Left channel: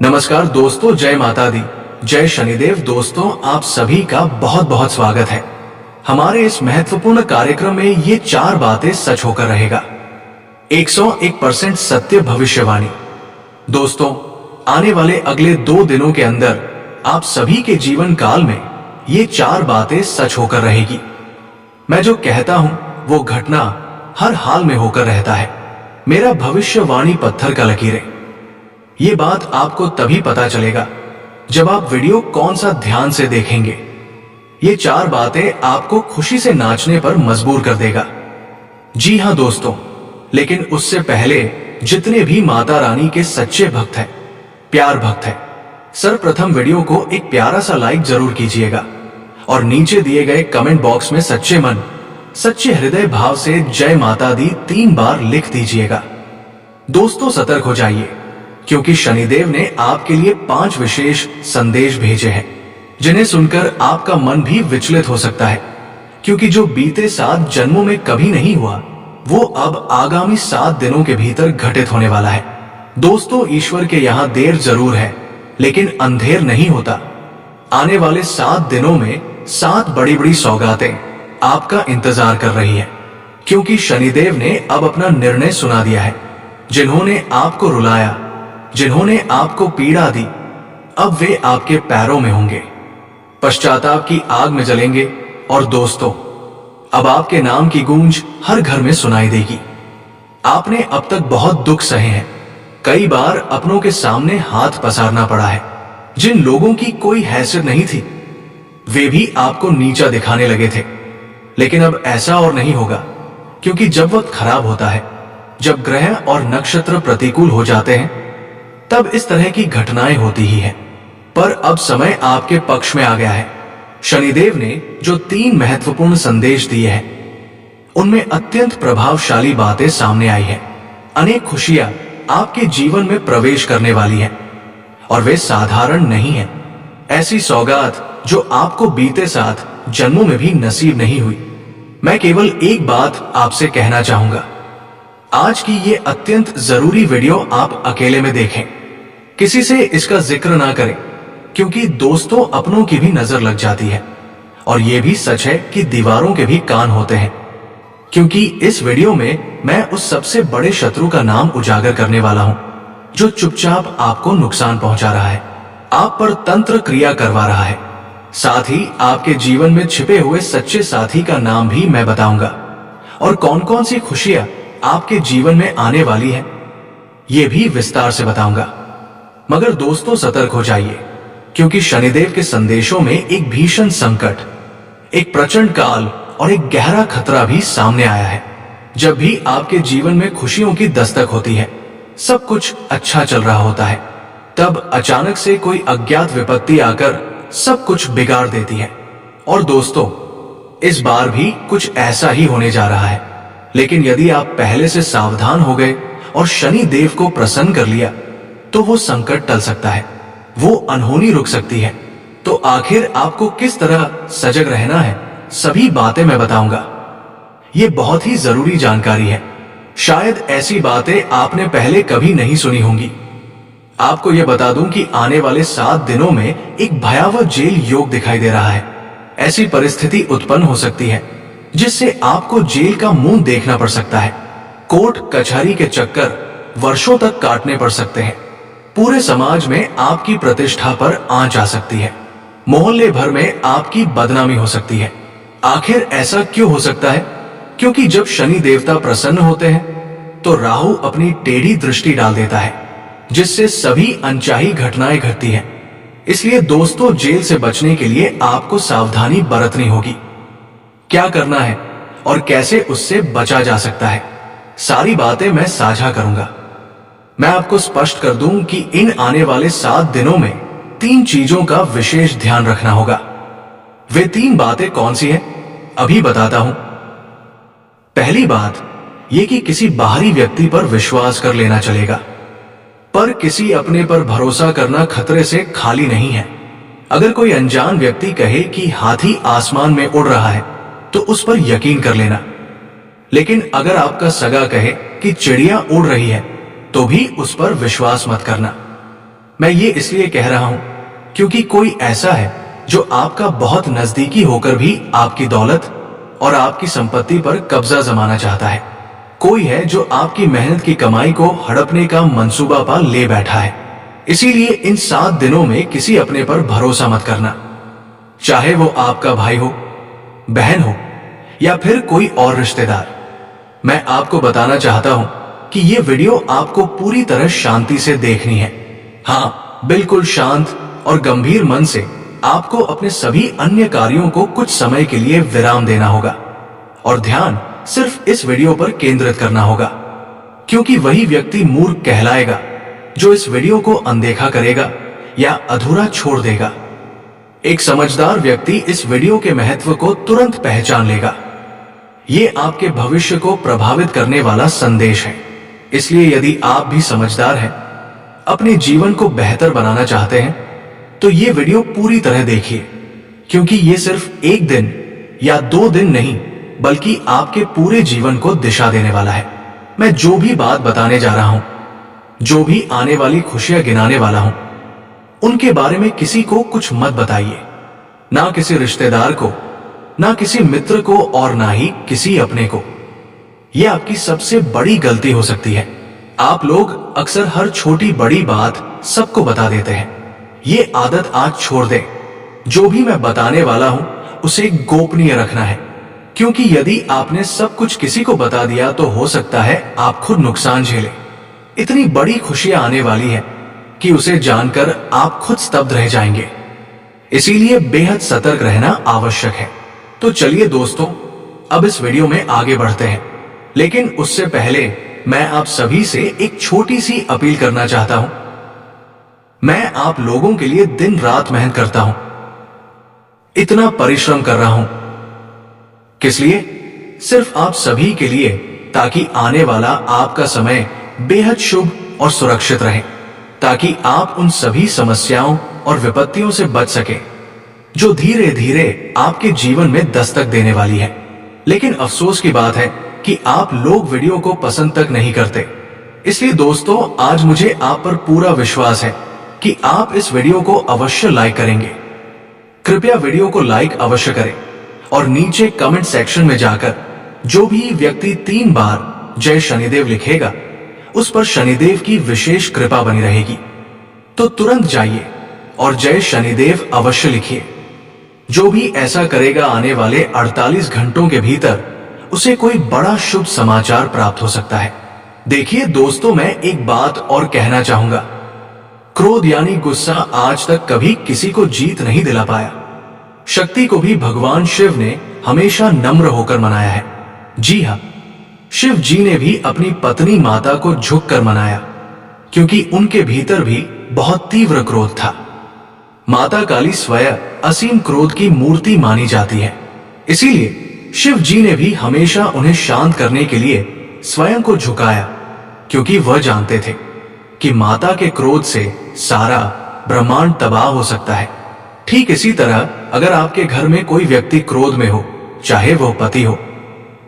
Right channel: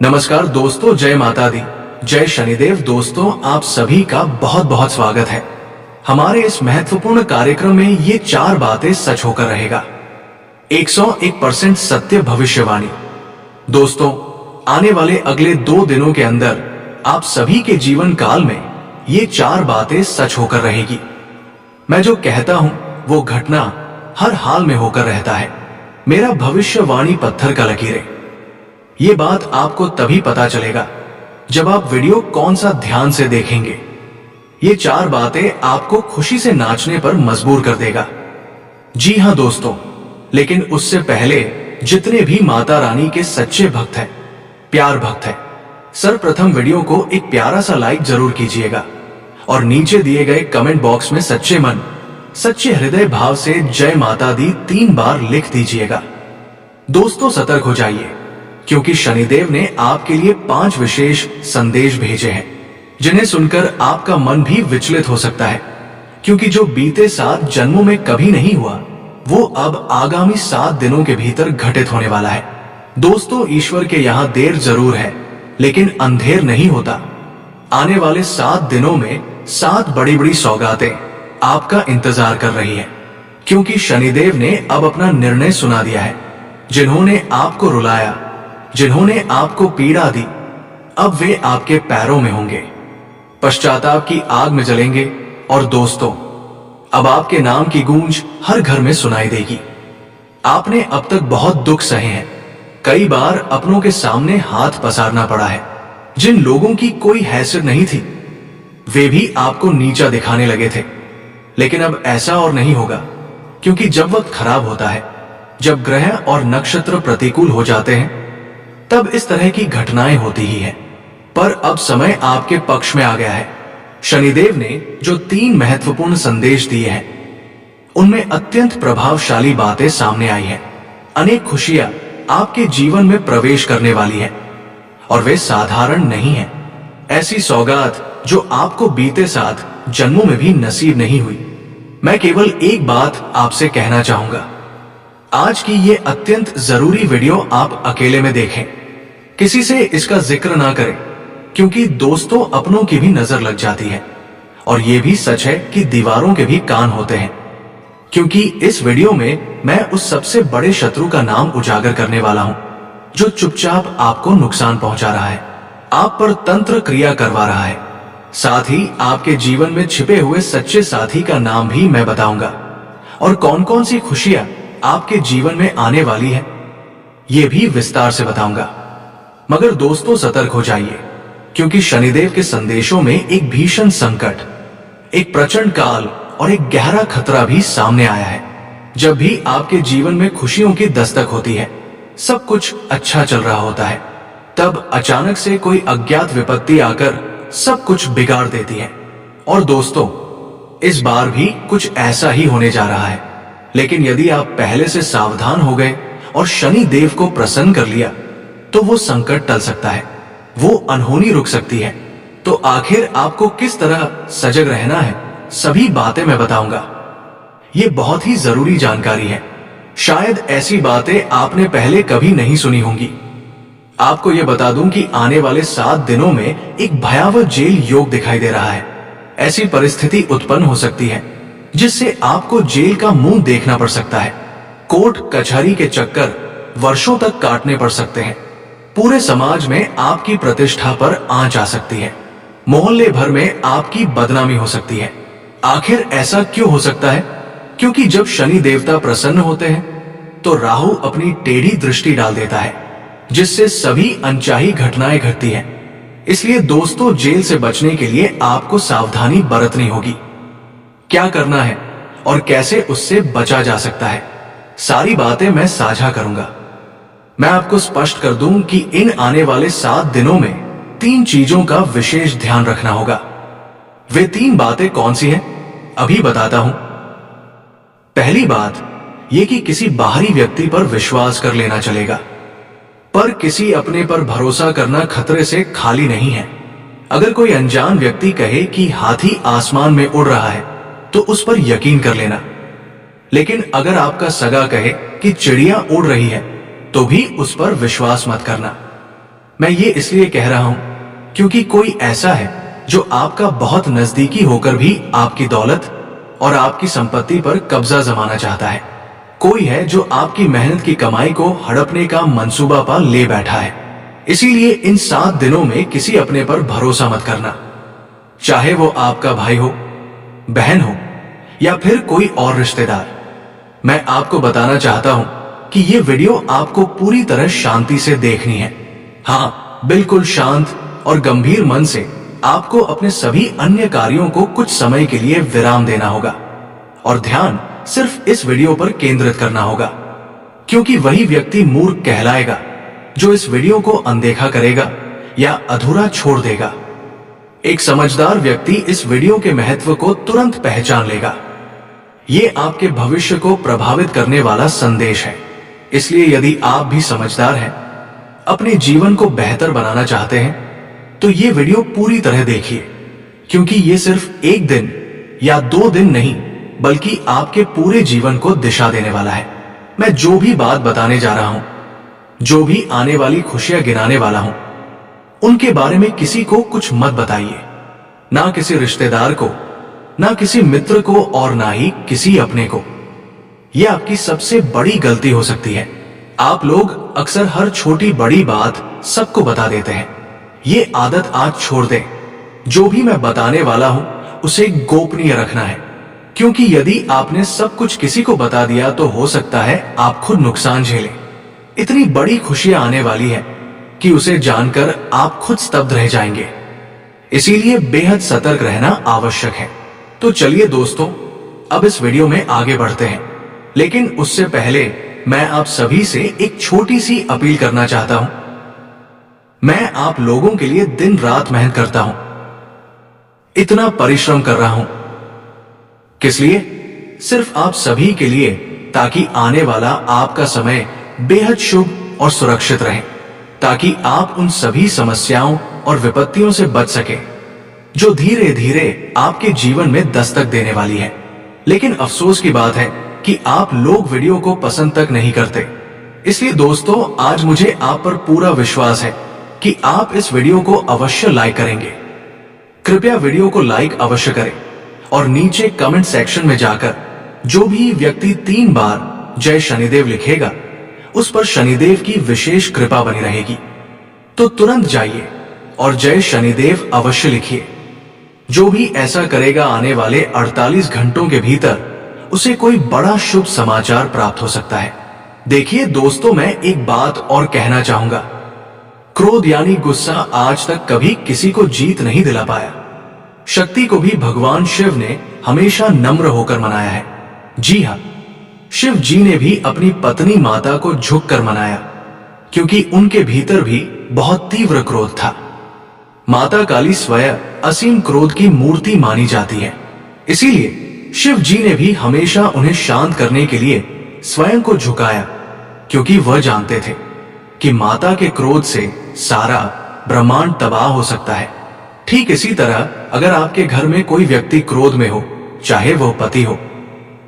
नमस्कार दोस्तों, जय माता दी, जय शनिदेव। दोस्तों, आप सभी का बहुत बहुत स्वागत है हमारे इस महत्वपूर्ण कार्यक्रम में। ये 4 बातें सच होकर रहेगा, 101% सत्य भविष्यवाणी। दोस्तों, आने वाले अगले 2 दिनों के अंदर आप सभी के जीवन काल में ये 4 बातें सच होकर रहेगी। मैं जो कहता हूं वो घटना हर हाल में होकर रहता है। मेरा भविष्यवाणी पत्थर का लकीर है। ये बात आपको तभी पता चलेगा जब आप वीडियो कौन सा ध्यान से देखेंगे। ये 4 बातें आपको खुशी से नाचने पर मजबूर कर देगा। जी हां दोस्तों, लेकिन उससे पहले जितने भी माता रानी के सच्चे भक्त हैं, प्यार भक्त हैं, सर्वप्रथम वीडियो को एक प्यारा सा लाइक जरूर कीजिएगा और नीचे दिए गए कमेंट बॉक्स में सच्चे मन, सच्चे हृदय भाव से जय माता दी 3 बार लिख दीजिएगा। दोस्तों, सतर्क हो जाइए, क्योंकि शनिदेव ने आपके लिए 5 विशेष संदेश भेजे हैं, जिन्हें सुनकर आपका मन भी विचलित हो सकता है। क्योंकि जो बीते 7 जन्मों में कभी नहीं हुआ, वो अब आगामी 7 दिनों के भीतर घटित होने वाला है। दोस्तों, ईश्वर के यहां देर जरूर है, लेकिन अंधेर नहीं होता। आने वाले 7 दिनों में 7 बड़ी बड़ी सौगातें आपका इंतजार कर रही है, क्योंकि शनिदेव ने अब अपना निर्णय सुना दिया है। जिन्होंने आपको रुलाया, जिन्होंने आपको पीड़ा दी, अब वे आपके पैरों में होंगे, पश्चाताप की आग में जलेंगे। और दोस्तों, अब आपके नाम की गूंज हर घर में सुनाई देगी। आपने अब तक बहुत दुख सहे हैं। कई बार अपनों के सामने हाथ पसारना पड़ा है। जिन लोगों की कोई हैसियत नहीं थी, वे भी आपको नीचा दिखाने लगे थे। लेकिन अब ऐसा और नहीं होगा, क्योंकि जब वक्त खराब होता है, जब ग्रह और नक्षत्र प्रतिकूल हो जाते हैं, तब इस तरह की घटनाएं होती ही हैं। पर अब समय आपके पक्ष में आ गया है। शनिदेव ने जो 3 महत्वपूर्ण संदेश दिए हैं, उनमें अत्यंत प्रभावशाली बातें सामने आई हैं। अनेक खुशियां आपके जीवन में प्रवेश करने वाली हैं, और वे साधारण नहीं हैं। ऐसी सौगात जो आपको बीते 7 जन्मों में भी नसीब नहीं हुई। मैं केवल एक बात आपसे कहना चाहूंगा, आज की ये अत्यंत जरूरी वीडियो आप अकेले में देखें, किसी से इसका जिक्र ना करें, क्योंकि दोस्तों, अपनों की भी नजर लग जाती है। और यह भी सच है कि दीवारों के भी कान होते हैं, क्योंकि इस वीडियो में मैं उस सबसे बड़े शत्रु का नाम उजागर करने वाला हूं, जो चुपचाप आपको नुकसान पहुंचा रहा है, आप पर तंत्र क्रिया करवा रहा है। साथ ही आपके जीवन में छिपे हुए सच्चे साथी का नाम भी मैं बताऊंगा, और कौन कौन सी खुशियां आपके जीवन में आने वाली है, यह भी विस्तार से बताऊंगा। मगर दोस्तों, सतर्क हो जाइए, क्योंकि शनिदेव के संदेशों में एक भीषण संकट, एक प्रचंड काल और एक गहरा खतरा भी सामने आया है। जब भी आपके जीवन में खुशियों की दस्तक होती है, सब कुछ अच्छा चल रहा होता है, तब अचानक से कोई अज्ञात विपत्ति आकर सब कुछ बिगाड़ देती है। और दोस्तों, इस बार भी कुछ ऐसा ही होने जा रहा है। लेकिन यदि आप पहले से सावधान हो गए और शनि देव को प्रसन्न कर लिया, तो वो संकट टल सकता है, वो अनहोनी रुक सकती है। तो आखिर आपको किस तरह सजग रहना है, सभी बातें मैं बताऊंगा। ये बहुत ही जरूरी जानकारी है। शायद ऐसी बातें आपने पहले कभी नहीं सुनी होंगी। आपको यह बता दूं कि आने वाले 7 दिनों में एक भयावह जेल योग दिखाई दे रहा है। ऐसी परिस्थिति उत्पन्न हो सकती है जिससे आपको जेल का मुंह देखना पड़ सकता है। कोर्ट कचहरी के चक्कर वर्षों तक काटने पड़ सकते हैं। पूरे समाज में आपकी प्रतिष्ठा पर आंच आ सकती है। मोहल्ले भर में आपकी बदनामी हो सकती है। आखिर ऐसा क्यों हो सकता है? क्योंकि जब शनि देवता प्रसन्न होते हैं, तो राहु अपनी टेढ़ी दृष्टि डाल देता है, जिससे सभी अनचाही घटनाएं घटती हैं। इसलिए दोस्तों, जेल से बचने के लिए आपको सावधानी बरतनी होगी। क्या करना है और कैसे उससे बचा जा सकता है, सारी बातें मैं साझा करूंगा। मैं आपको स्पष्ट कर दूं कि इन आने वाले 7 दिनों में 3 चीजों का विशेष ध्यान रखना होगा। वे 3 बातें कौन सी हैं, अभी बताता हूं। पहली बात यह कि किसी बाहरी व्यक्ति पर विश्वास कर लेना चलेगा, पर किसी अपने पर भरोसा करना खतरे से खाली नहीं है। अगर कोई अनजान व्यक्ति कहे कि हाथी आसमान में उड़ रहा है, तो उस पर यकीन कर लेना। लेकिन अगर आपका सगा कहे कि चिड़िया उड़ रही है, तो भी उस पर विश्वास मत करना। मैं ये इसलिए कह रहा हूं क्योंकि कोई ऐसा है जो आपका बहुत नजदीकी होकर भी आपकी दौलत और आपकी संपत्ति पर कब्जा जमाना चाहता है। कोई है जो आपकी मेहनत की कमाई को हड़पने का मंसूबा पा ले बैठा है। इसीलिए इन 7 दिनों में किसी अपने पर भरोसा मत करना, चाहे वो आपका भाई हो, बहन हो या फिर कोई और रिश्तेदार। मैं आपको बताना चाहता हूं कि ये वीडियो आपको पूरी तरह शांति से देखनी है। हाँ, बिल्कुल शांत और गंभीर मन से आपको अपने सभी अन्य कार्यों को कुछ समय के लिए विराम देना होगा और ध्यान सिर्फ इस वीडियो पर केंद्रित करना होगा, क्योंकि वही व्यक्ति मूर्ख कहलाएगा जो इस वीडियो को अनदेखा करेगा या अधूरा छोड़ देगा। एक समझदार व्यक्ति इस वीडियो के महत्व को तुरंत पहचान लेगा। ये आपके भविष्य को प्रभावित करने वाला संदेश है। इसलिए यदि आप भी समझदार हैं, अपने जीवन को बेहतर बनाना चाहते हैं, तो ये वीडियो पूरी तरह देखिए, क्योंकि ये सिर्फ 1 दिन या 2 दिन नहीं बल्कि आपके पूरे जीवन को दिशा देने वाला है। मैं जो भी बात बताने जा रहा हूं, जो भी आने वाली खुशियां गिनाने वाला हूं, उनके बारे में किसी को कुछ मत बताइए, ना किसी रिश्तेदार को, ना किसी मित्र को और ना ही किसी अपने को। यह आपकी सबसे बड़ी गलती हो सकती है। आप लोग अक्सर हर छोटी बड़ी बात सबको बता देते हैं। ये आदत आज छोड़ दें। जो भी मैं बताने वाला हूं उसे गोपनीय रखना है, क्योंकि यदि आपने सब कुछ किसी को बता दिया तो हो सकता है आप खुद नुकसान झेलें। इतनी बड़ी खुशियां आने वाली है कि उसे जानकर आप खुद स्तब्ध रह जाएंगे। इसीलिए बेहद सतर्क रहना आवश्यक है। तो चलिए दोस्तों, अब इस वीडियो में आगे बढ़ते हैं, लेकिन उससे पहले मैं आप सभी से एक छोटी सी अपील करना चाहता हूं। मैं आप लोगों के लिए दिन रात मेहनत करता हूं, इतना परिश्रम कर रहा हूं। किस लिए? सिर्फ आप सभी के लिए, ताकि आने वाला आपका समय बेहद शुभ और सुरक्षित रहे, ताकि आप उन सभी समस्याओं और विपत्तियों से बच सके जो धीरे धीरे आपके जीवन में दस्तक देने वाली है। लेकिन अफसोस की बात है कि आप लोग वीडियो को पसंद तक नहीं करते। इसलिए दोस्तों, आज मुझे आप पर पूरा विश्वास है कि आप इस वीडियो को अवश्य लाइक करेंगे। कृपया वीडियो को लाइक अवश्य करें और नीचे कमेंट सेक्शन में जाकर जो भी व्यक्ति 3 बार जय शनिदेव लिखेगा, उस पर शनिदेव की विशेष कृपा बनी रहेगी। तो तुरंत जाइए और जय शनिदेव अवश्य लिखिए। जो भी ऐसा करेगा, आने वाले 48 घंटों के भीतर उसे कोई बड़ा शुभ समाचार प्राप्त हो सकता है। देखिए दोस्तों, मैं एक बात और कहना चाहूंगा। क्रोध यानी गुस्सा आज तक कभी किसी को जीत नहीं दिला पाया। शक्ति को भी भगवान शिव ने हमेशा नम्र होकर मनाया है। जी हाँ, शिव जी ने भी अपनी पत्नी माता को झुककर मनाया, क्योंकि उनके भीतर भी बहुत तीव्र क्रोध था। माता काली स्वयं असीम क्रोध की मूर्ति मानी जाती है। इसीलिए शिव जी ने भी हमेशा उन्हें शांत करने के लिए स्वयं को झुकाया, क्योंकि वह जानते थे कि माता के क्रोध से सारा ब्रह्मांड तबाह हो सकता है। ठीक इसी तरह अगर आपके घर में कोई व्यक्ति क्रोध में हो, चाहे वह पति हो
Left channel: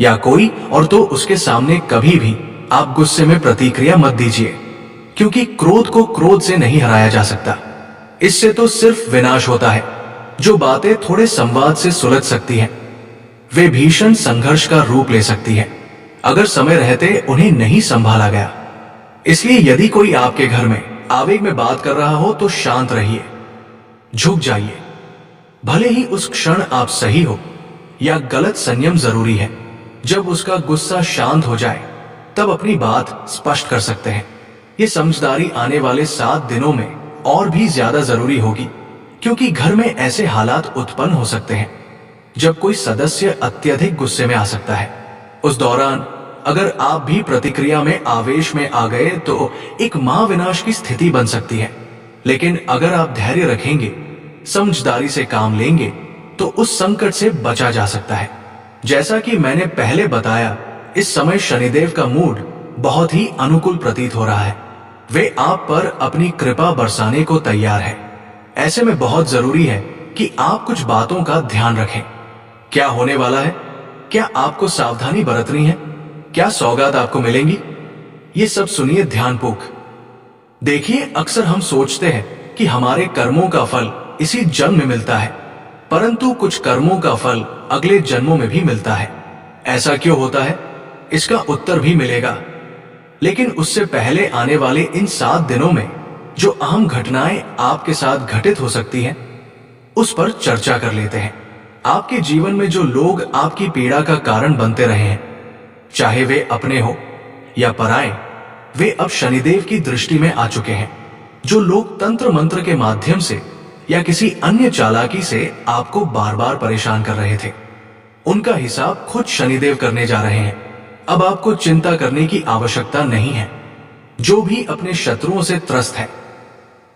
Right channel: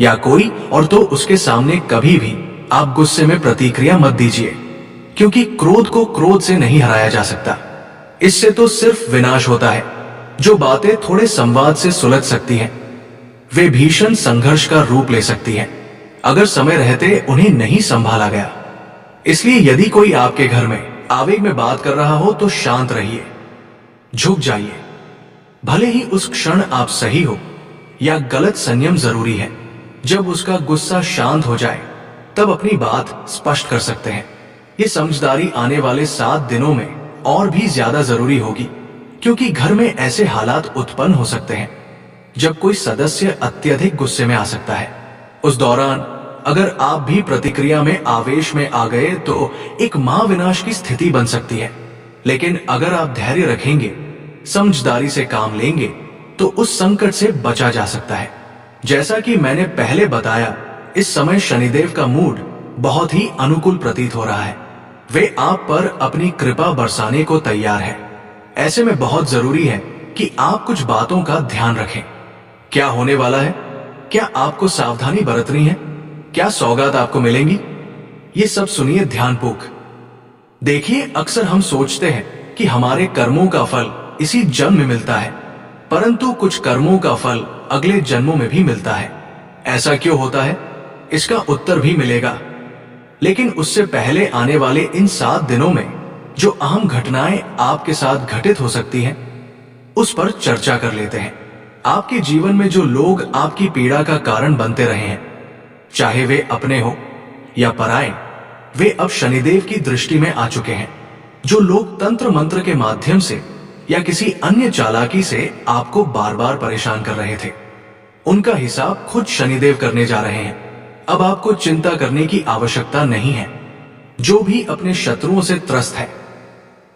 या कोई और, तो उसके सामने कभी भी आप गुस्से में प्रतिक्रिया मत दीजिए, क्योंकि क्रोध को क्रोध से नहीं हराया जा सकता। इससे तो सिर्फ विनाश होता है। जो बातें थोड़े संवाद से सुलझ सकती हैं, वे भीषण संघर्ष का रूप ले सकती हैं, अगर समय रहते उन्हें नहीं संभाला गया। इसलिए यदि कोई आपके घर में आवेग में बात कर रहा हो तो शांत रहिए, झुक जाइए। भले ही उस क्षण आप सही हो या गलत, संयम जरूरी है। जब उसका गुस्सा शांत हो जाए तब अपनी बात स्पष्ट कर सकते हैं। ये समझदारी आने वाले 7 दिनों में और भी ज्यादा जरूरी होगी, क्योंकि घर में ऐसे हालात उत्पन्न हो सकते हैं जब कोई सदस्य अत्यधिक गुस्से में आ सकता है। उस दौरान अगर आप भी प्रतिक्रिया में आवेश में आ गए तो एक महाविनाश की स्थिति बन सकती है। लेकिन अगर आप धैर्य रखेंगे, समझदारी से काम लेंगे, तो उस संकट से बचा जा सकता है। जैसा कि मैंने पहले बताया, इस समय शनिदेव का मूड बहुत ही अनुकूल प्रतीत हो रहा है। वे आप पर अपनी कृपा बरसाने को तैयार है। ऐसे में बहुत जरूरी है कि आप कुछ बातों का ध्यान रखें। क्या होने वाला है? क्या आपको सावधानी बरतनी है? क्या सौगात आपको मिलेंगी? ये सब सुनिए ध्यानपूर्वक। देखिए, अक्सर हम सोचते हैं कि हमारे कर्मों का फल इसी जन्म में मिलता है, परंतु कुछ कर्मों का फल अगले जन्मों में भी मिलता है। ऐसा क्यों होता है, इसका उत्तर भी मिलेगा। लेकिन उससे पहले आने वाले इन 7 दिनों में जो अहम घटनाएं आपके साथ घटित हो सकती हैं, उस पर चर्चा कर लेते हैं। आपके जीवन में जो लोग आपकी पीड़ा का कारण बनते रहे हैं, चाहे वे अपने हो या पराए, वे अब शनिदेव की दृष्टि में आ चुके हैं। जो लोग तंत्र मंत्र के माध्यम से या किसी अन्य चालाकी से आपको बार बार परेशान कर रहे थे, उनका हिसाब खुद शनिदेव करने जा रहे हैं। अब आपको चिंता करने की आवश्यकता नहीं है। जो भी अपने शत्रुओं से त्रस्त है,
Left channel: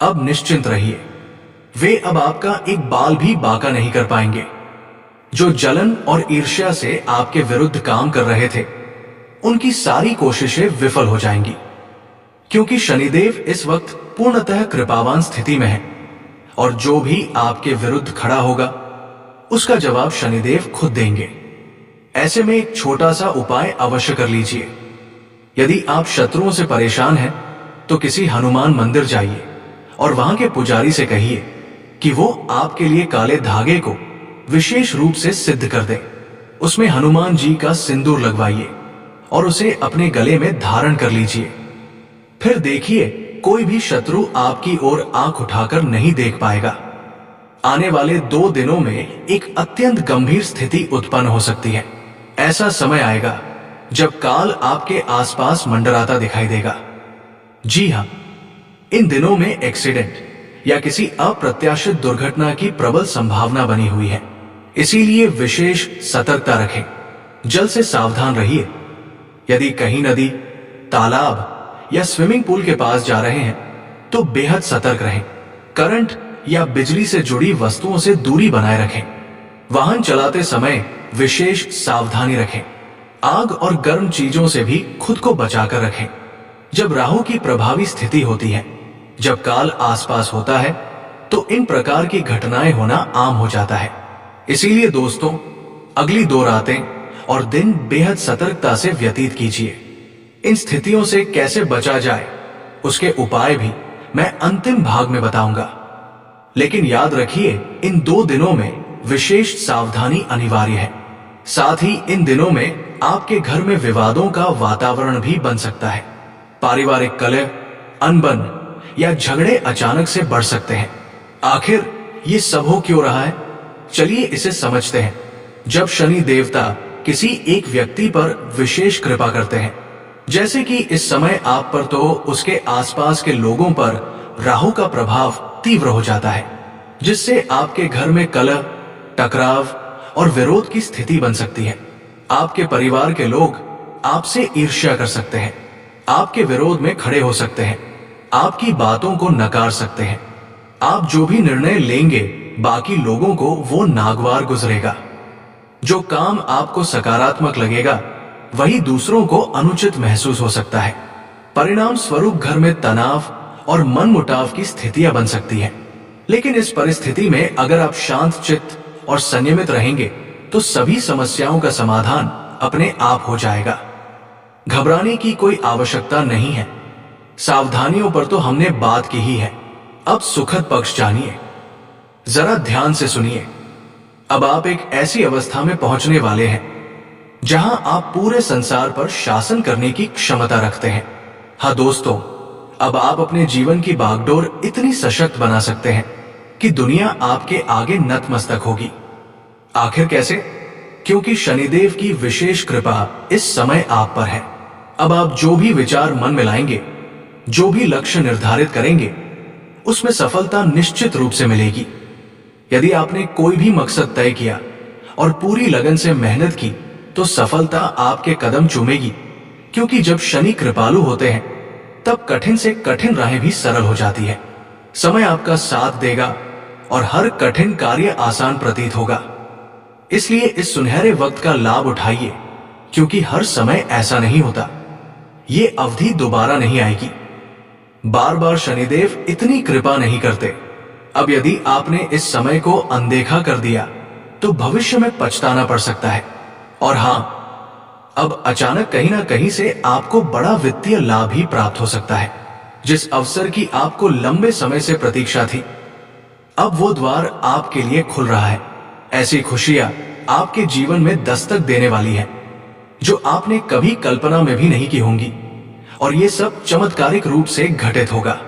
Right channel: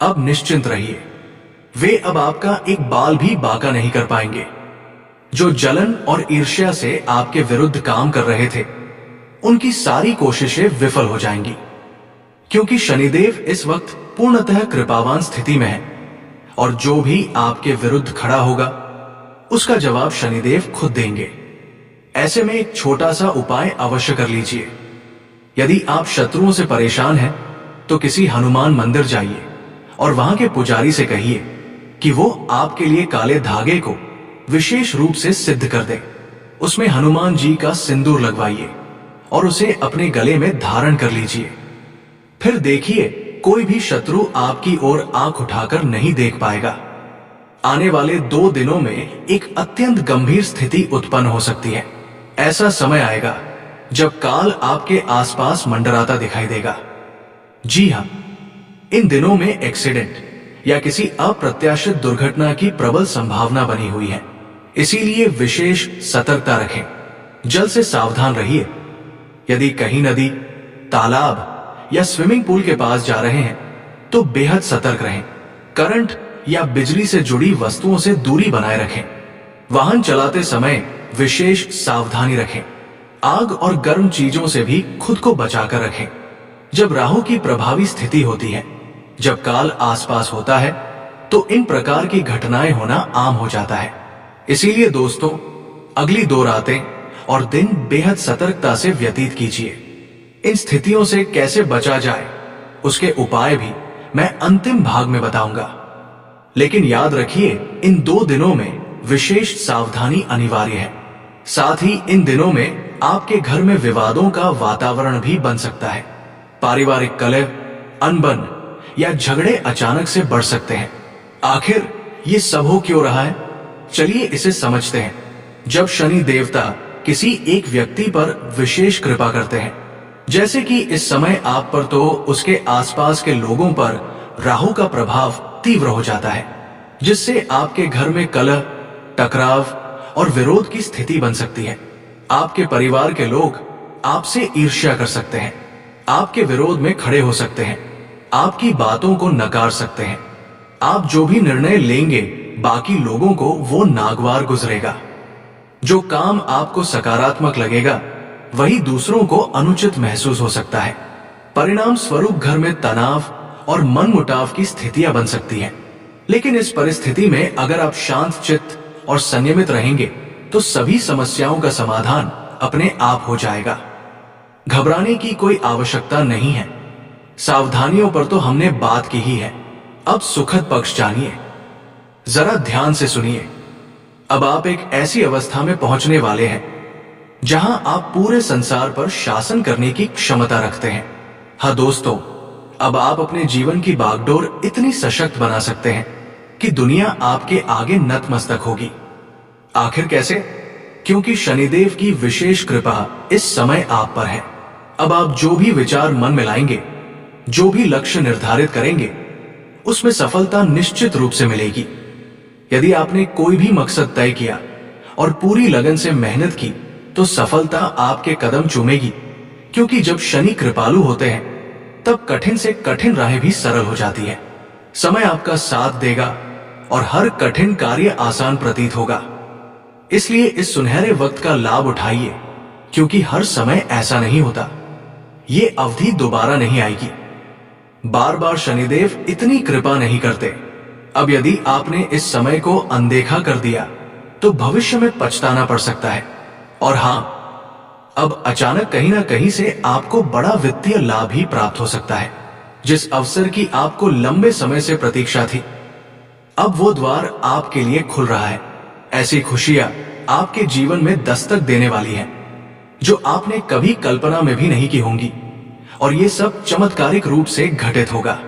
अब निश्चिंत रहिए। वे अब आपका एक बाल भी बांका नहीं कर पाएंगे। जो जलन और ईर्ष्या से आपके विरुद्ध काम कर रहे थे, उनकी सारी कोशिशें विफल हो जाएंगी, क्योंकि शनिदेव इस वक्त पूर्णतः कृपावान स्थिति में है और जो भी आपके विरुद्ध खड़ा होगा, उसका जवाब शनिदेव खुद देंगे। ऐसे में एक छोटा सा उपाय अवश्य कर लीजिए। यदि आप शत्रुओं से परेशान हैं, तो किसी हनुमान मंदिर जाइए और वहां के पुजारी से कहिए कि वो आपके लिए काले धागे को विशेष रूप से सिद्ध कर दे। उसमें हनुमान जी का सिंदूर लगवाइए और उसे अपने गले में धारण कर लीजिए। फिर देखिए, कोई भी शत्रु आपकी ओर आंख उठाकर नहीं देख पाएगा। आने वाले 2 दिनों में एक अत्यंत गंभीर स्थिति उत्पन्न हो सकती है। ऐसा समय आएगा जब काल आपके आसपास मंडराता दिखाई देगा। जी हां, इन दिनों में एक्सीडेंट या किसी अप्रत्याशित दुर्घटना की प्रबल संभावना बनी हुई है। इसीलिए विशेष सतर्कता रखें। जल से सावधान रहिए। यदि कहीं नदी, तालाब या स्विमिंग पूल के पास जा रहे हैं, तो बेहद सतर्क रहें। करंट या बिजली से जुड़ी वस्तुओं से दूरी बनाए रखें। वाहन चलाते समय विशेष सावधानी रखें। आग और गर्म चीजों से भी खुद को बचाकर रखें। जब राहु की प्रभावी स्थिति होती है, जब काल आसपास होता है, तो इन प्रकार की घटनाएं होना आम हो जाता है। इसीलिए दोस्तों, अगली 2 रातें और दिन बेहद सतर्कता से व्यतीत कीजिए। इन स्थितियों से कैसे बचा जाए, उसके उपाय भी मैं अंतिम भाग में बताऊंगा। लेकिन याद रखिए, इन 2 दिनों में विशेष सावधानी अनिवार्य है। साथ ही इन दिनों में आपके घर में विवादों का वातावरण भी बन सकता है। पारिवारिक कलह, अनबन या झगड़े अचानक से बढ़ सकते हैं। आखिर ये सब हो क्यों रहा है, चलिए इसे समझते हैं। जब शनि देवता किसी एक व्यक्ति पर विशेष कृपा करते हैं, जैसे कि इस समय आप पर, तो उसके आसपास के लोगों पर राहु का प्रभाव तीव्र हो जाता है, जिससे आपके घर में कलह, टकराव और विरोध की स्थिति बन सकती है। आपके परिवार के लोग आपसे ईर्ष्या कर सकते हैं, आपके विरोध में खड़े हो सकते हैं, आपकी बातों को नकार सकते हैं। आप जो भी निर्णय लेंगे, बाकी लोगों को वो नागवार गुजरेगा। जो काम आपको सकारात्मक लगेगा, वही दूसरों को अनुचित महसूस हो सकता है। परिणाम स्वरूप घर में तनाव और मनमुटाव की स्थितियां बन सकती हैं। लेकिन इस परिस्थिति में अगर आप शांत चित्त और संयमित रहेंगे, तो सभी समस्याओं का समाधान अपने आप हो जाएगा। घबराने की कोई आवश्यकता नहीं है। सावधानियों पर तो हमने बात की ही है। अब सुखद पक्ष जानिए। जरा ध्यान से सुनिए। अब आप एक ऐसी अवस्था में पहुंचने वाले हैं जहां आप पूरे संसार पर शासन करने की क्षमता रखते हैं। हाँ दोस्तों, अब आप अपने जीवन की बागडोर इतनी सशक्त बना सकते हैं कि दुनिया आपके आगे नतमस्तक होगी। आखिर कैसे? क्योंकि शनिदेव की विशेष कृपा इस समय आप पर है। अब आप जो भी विचार मन में लाएंगे, जो भी लक्ष्य निर्धारित करेंगे, उसमें सफलता निश्चित रूप से मिलेगी। यदि आपने कोई भी मकसद तय किया और पूरी लगन से मेहनत की, तो सफलता आपके कदम चूमेगी। क्योंकि जब शनि कृपालु होते हैं, तब कठिन से कठिन राहें भी सरल हो जाती है। समय आपका साथ देगा और हर कठिन कार्य आसान प्रतीत होगा। इसलिए इस सुनहरे वक्त का लाभ उठाइए, क्योंकि हर समय ऐसा नहीं होता। ये अवधि दोबारा नहीं आएगी। बार बार शनिदेव इतनी कृपा नहीं करते। अब यदि आपने इस समय को अनदेखा कर दिया, तो भविष्य में पछताना पड़ सकता है। और हां, अब अचानक कहीं ना कहीं से आपको बड़ा वित्तीय लाभ ही प्राप्त हो सकता है। जिस अवसर की आपको लंबे समय से प्रतीक्षा थी, अब वो द्वार आपके लिए खुल रहा है। ऐसी खुशियां आपके जीवन में दस्तक देने वाली हैं, जो आपने कभी कल्पना में भी नहीं की होंगी। और ये सब चमत्कारिक रूप से घटित होगा।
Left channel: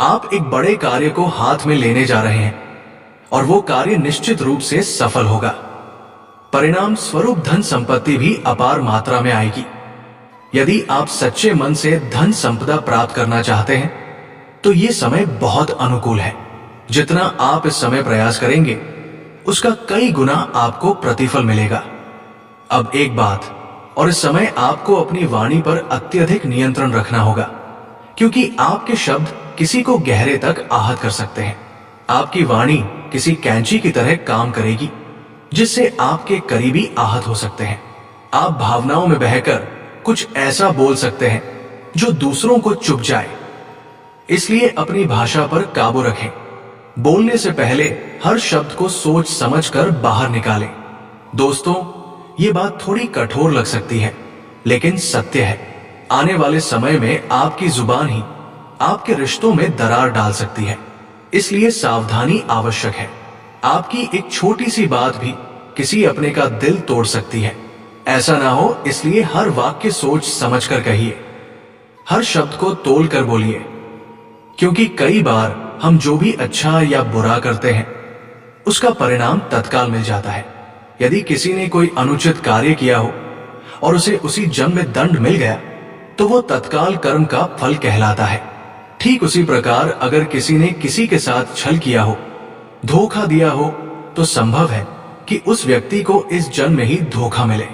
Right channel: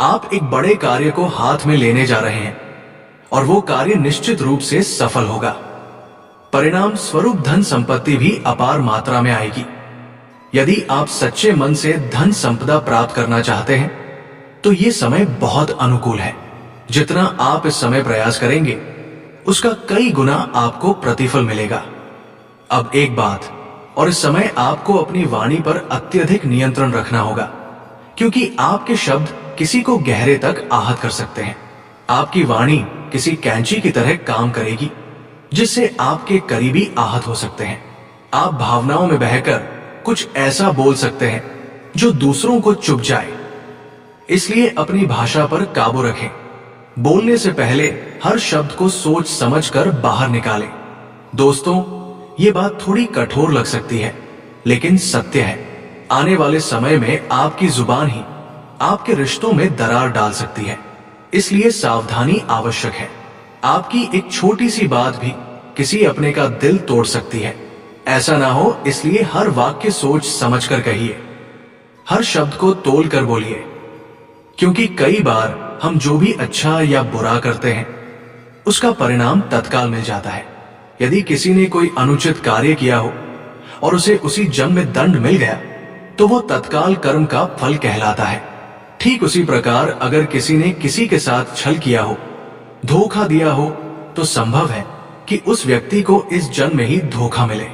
आप एक बड़े कार्य को हाथ में लेने जा रहे हैं और वो कार्य निश्चित रूप से सफल होगा। परिणाम स्वरूप धन संपत्ति भी अपार मात्रा में आएगी। यदि आप सच्चे मन से धन संपदा प्राप्त करना चाहते हैं तो ये समय बहुत अनुकूल है। जितना आप इस समय प्रयास करेंगे उसका कई गुना आपको प्रतिफल मिलेगा। अब एक बात, और इस समय आपको अपनी वाणी पर अत्यधिक नियंत्रण रखना होगा, क्योंकि आपके शब्द किसी को गहरे तक आहत कर सकते हैं। आपकी वाणी किसी कैंची की तरह काम करेगी, जिससे आपके करीबी आहत हो सकते हैं। आप भावनाओं में बहकर कुछ ऐसा बोल सकते हैं जो दूसरों को चुभ जाए। इसलिए अपनी भाषा पर काबू रखें। बोलने से पहले हर शब्द को सोच समझकर बाहर निकालें। दोस्तों, ये बात थोड़ी कठोर लग सकती है, लेकिन सत्य है। आने वाले समय में आपकी जुबान ही आपके रिश्तों में दरार डाल सकती है, इसलिए सावधानी आवश्यक है। आपकी एक छोटी सी बात भी किसी अपने का दिल तोड़ सकती है। ऐसा ना हो, इसलिए हर वाक्य सोच समझकर कहिए। हर शब्द को तोल कर बोलिए, क्योंकि कई बार हम जो भी अच्छा या बुरा करते हैं उसका परिणाम तत्काल मिल जाता है। यदि किसी ने कोई अनुचित कार्य किया हो और उसे उसी जन्म में दंड मिल गया तो वो तत्काल कर्म का फल कहलाता है। ठीक उसी प्रकार अगर किसी ने किसी के साथ छल किया हो, धोखा दिया हो, तो संभव है कि उस व्यक्ति को इस जन्म में ही धोखा मिले।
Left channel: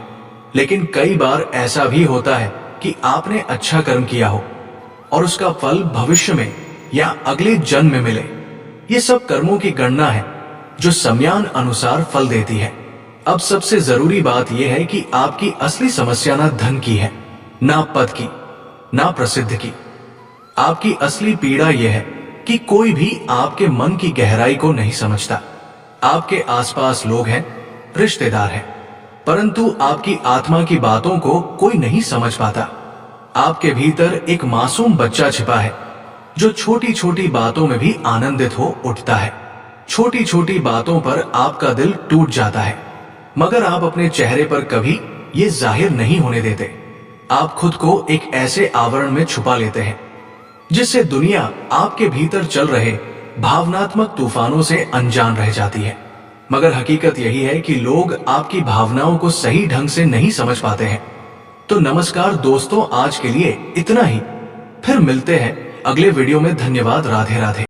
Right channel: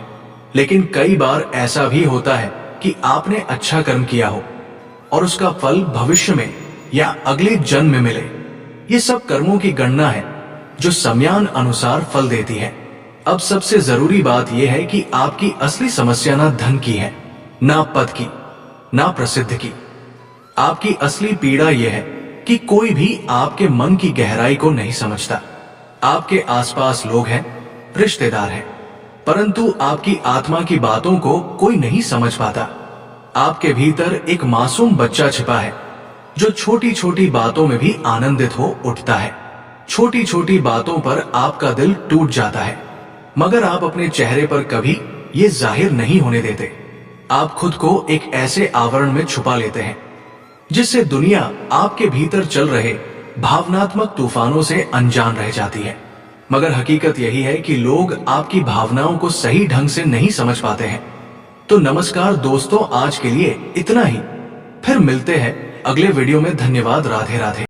लेकिन कई बार ऐसा भी होता है कि आपने अच्छा कर्म किया हो और उसका फल भविष्य में या अगले जन्म में मिले। ये सब कर्मों की गणना है जो सम्यान अनुसार फल देती है। अब सबसे जरूरी बात यह है कि आपकी असली समस्या ना धन की है, ना पद की, ना प्रसिद्ध की। आपकी असली पीड़ा यह है कि कोई भी आपके मन की गहराई को नहीं समझता। आपके आसपास लोग हैं, रिश्तेदार हैं, परंतु आपकी आत्मा की बातों को कोई नहीं समझ पाता। आपके भीतर एक मासूम बच्चा छिपा है जो छोटी छोटी बातों में भी आनंदित हो उठता है। छोटी छोटी बातों पर आपका दिल टूट जाता है, मगर आप अपने चेहरे पर कभी ये जाहिर नहीं होने देते। आप खुद को एक ऐसे आवरण में छुपा लेते हैं जिससे दुनिया आपके भीतर चल रहे भावनात्मक तूफानों से अनजान रह जाती है। मगर हकीकत यही है कि लोग आपकी भावनाओं को सही ढंग से नहीं समझ पाते हैं। तो नमस्कार दोस्तों, आज के लिए इतना ही। फिर मिलते हैं अगले वीडियो में। धन्यवाद। राधे राधे।